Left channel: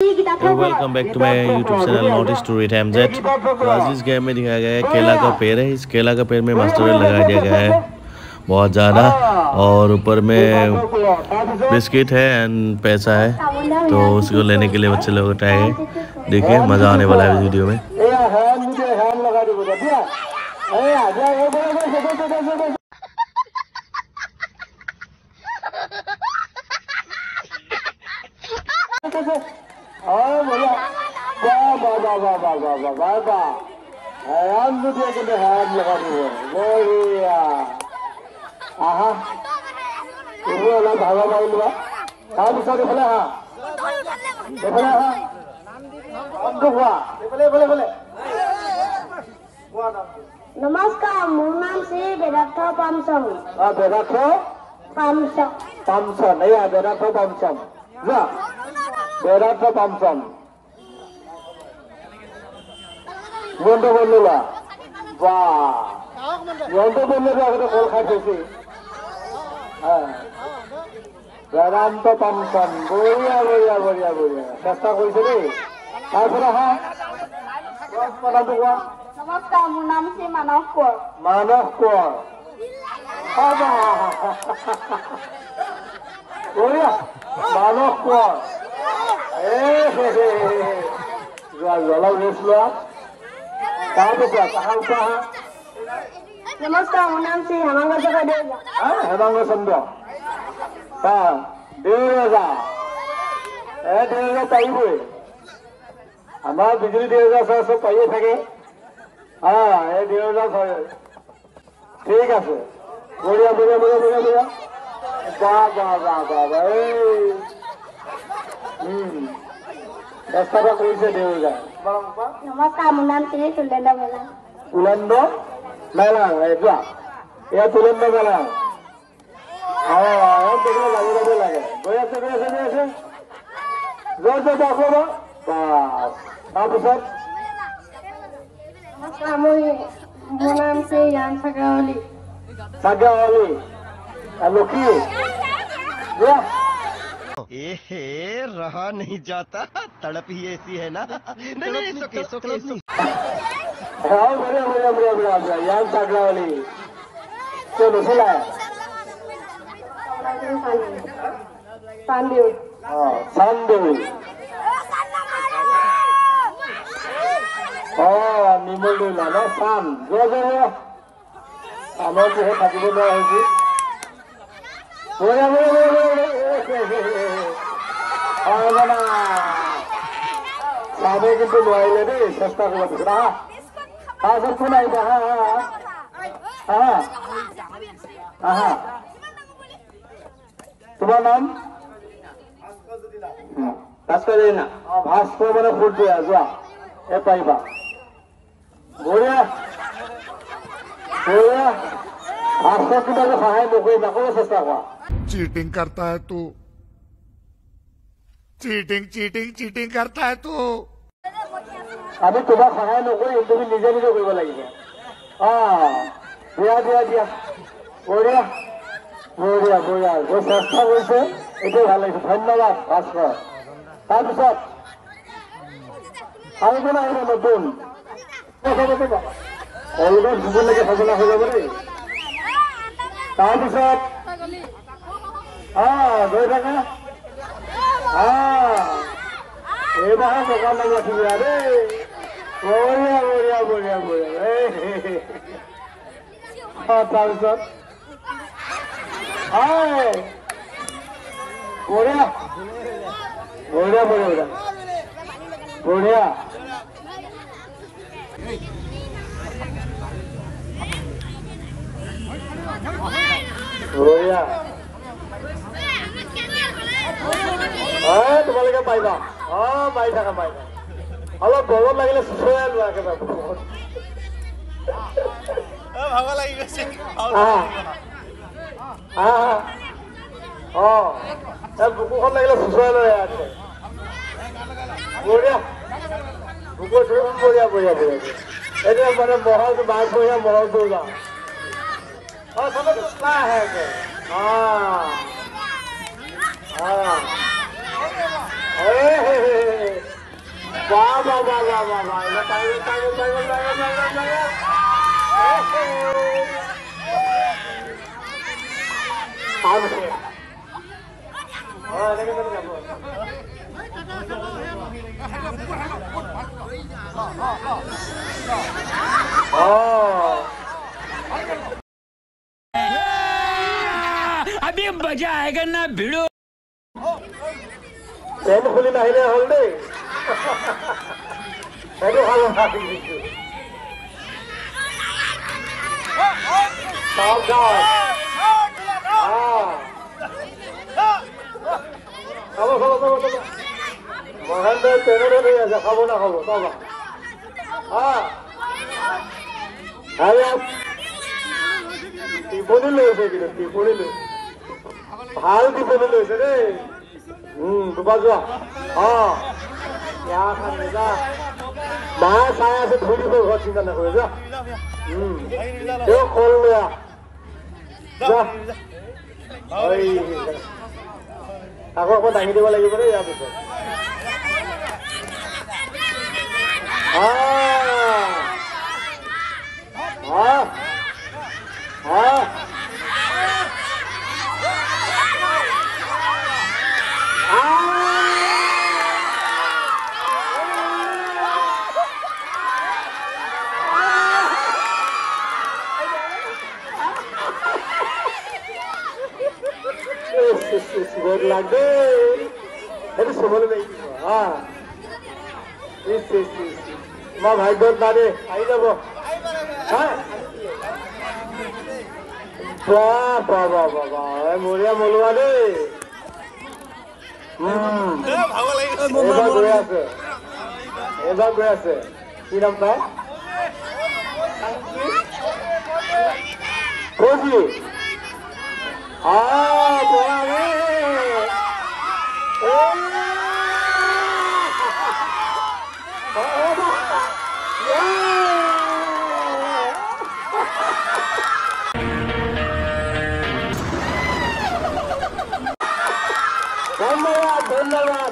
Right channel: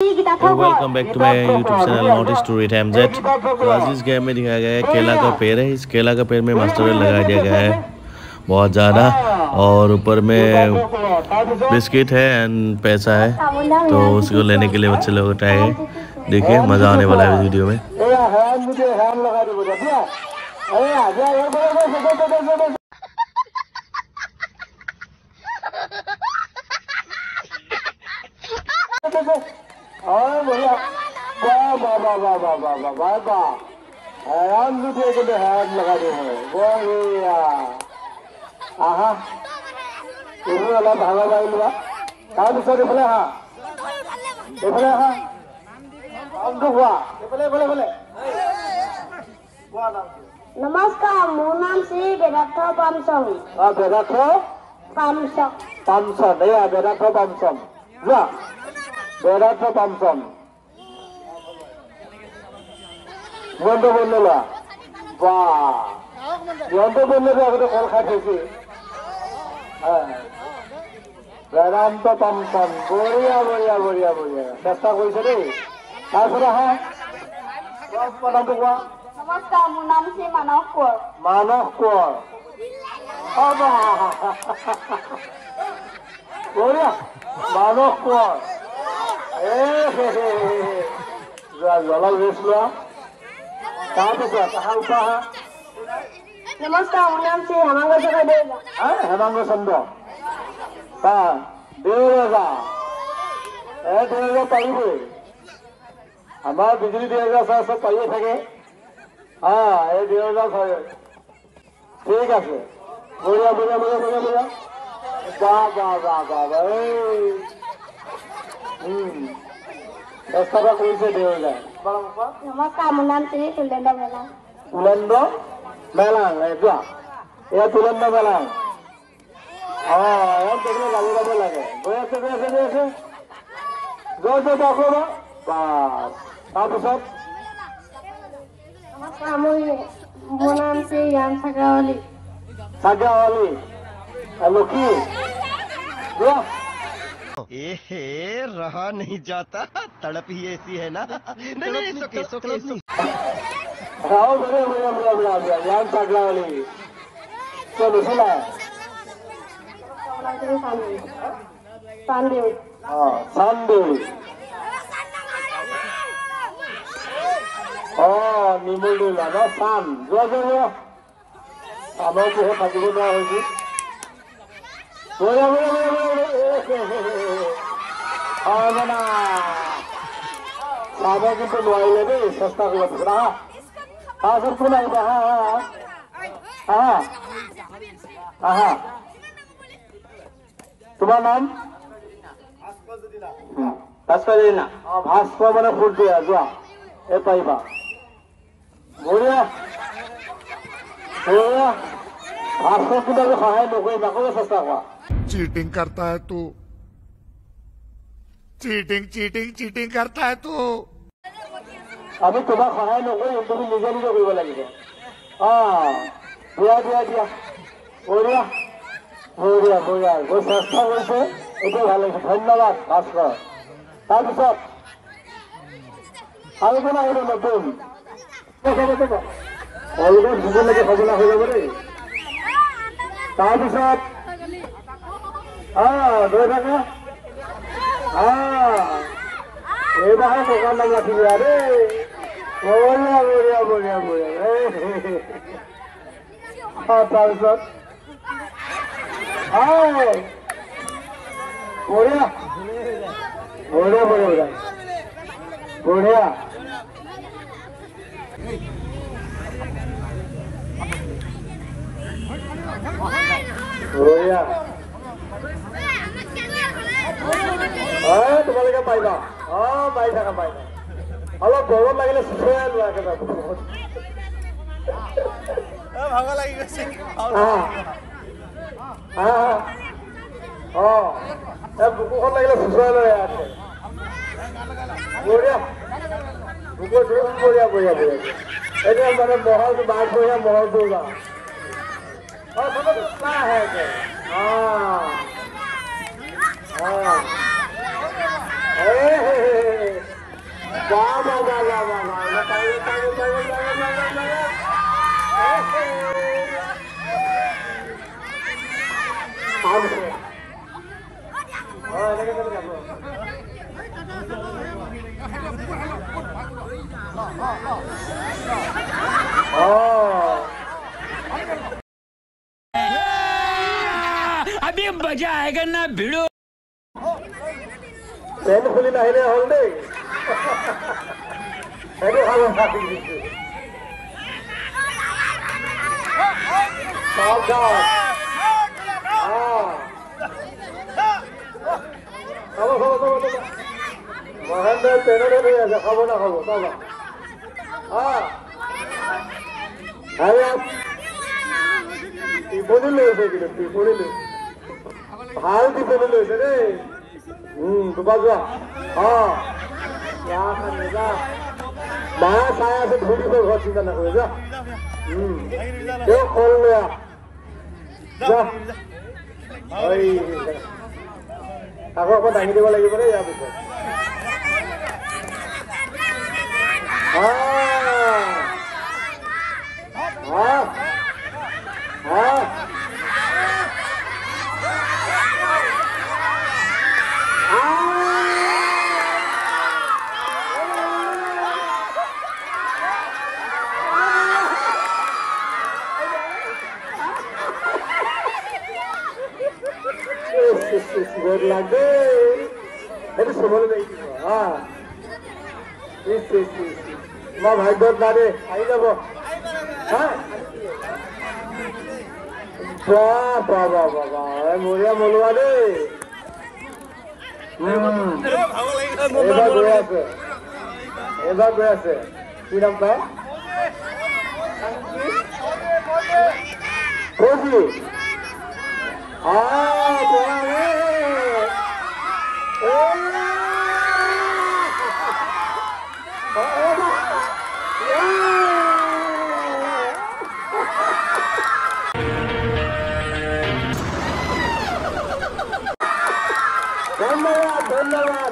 Welcome back to my YouTube channel not story time jet. तो आज इस game में दिखाया गया है केला का पेड़ है। इस केला का पेड़ में मास्टर लगा दिया गया है बहुत ज़्यादा, और ऊपर में बिस्किट है एंड पैसा है। तो उसको लेने के लिए बच्चे लोग आए। देखिए मज़ा आने वाला है इस वीडियो में। नमस्कार, मोर नाम श्री बेदार्थ पामसम। बेदार्थ पामसम पामसम बेदार्थ पामसम बेदार्थ पामसम बंधु बंधुला बंधु बंधु कल खाती वेदांत पामसम बढ़िया बढ़िया बढ़िया बढ़िया चेष्टा नमस्कार, मोर नाम श्री मानव कोर। मानव कोर बढ़िया मानव कोर नमस्कार, मोर नाम श्री हेमांग हेमांग चंद्र देवराजा पाइबे हमारा बिजली देवराजा सब पाइए थे। हाँ ये देवराजा ठीक है बढ़िया बढ़िया बढ़िया बढ़िया बढ़िया दस्ता का कोई से देवराजा। नमस्कार, मोर नाम श्री तुलंदा मेला। तुलंदा मेला या तुलंदा मेला लगे नमस्कार, मोर नाम श्री यान सागावली। सागावली लुकी रहा नहीं जाता, तड़प ही ऐसी है ना। नहीं सोके यान सागावली चलो सुना Sunday. निमोली लगा सान जो हमें तो थकने में होगी सामने की तो मोबाइल है सस्ता को पकड़ा हाँ सब सुना हाँ हाँ हाँ तुम्हारा नाम भास्कर ना भास्कर मैंने फुट दिया जो ए पाइबा बढ़िया भास्कर की तो सहाय लोग ना सस्ता हुआ। चीटिंग करता है तू, चीटिंग करता है तू। अभी तुम्हारा सहाय लोग तुम्हें निजे निजे करवा लगे। हाँ दिया दिया दिया बढ़िया बढ़िया बढ़िया वो सस्ता वैसे ये ভাল लगे। धन्यवाद भास्कर। তাৰপিছত আৰু কোন আহিব নতুন অলগত ভূগোলকে ফজলা হৈ যাব দেই। তাৰপিছত গৈ থাকা এইবাৰ দোকান নাম ৰাখিবা দেই। বঢ়িয়া বঢ়িয়া বঢ়িয়া বঢ়িয়া তাৰপিছত बढ़िया बढ़िया बढ़िया बढ़िया बढ़िया तुम्हारे पाइबा पाई था अलग गरम लगे सुसुराई लोৱা भाग लगे बुकुखन लगे सुसुराई लो बढ़िया बुकुर बढ़िया बढ़िया बढ़िया मैंने महल तो बात हो महल तो समझ है हाँ हाँ अभी मजा आएगा ना भिड़ो पेन खुली नाहिले हल देई एडो खालो सावधान খাবো মহেন্দ্র ট্রেনে রয়ে আছে খাবো না খাবো বাবা টিপনি লৈছে কিন্তু টিপনি লৈ ভাল টিপনি লৈছে দেই দুবাৰ যোৱা যা মা চাই আছে ধুই দিব ঘৰত চিন্তা নকৰে যা কল লৈ যা আকৌ আকৌ দাঙি দিব লাগিব দেই ইয়াৰ পিছত good luck day. Itu semua lagi. Ma bhai god na de. Ai jabo. Ba. Moria molwa de. Eba goi ase. Ki naam ta? Koji. ধন্যবাদ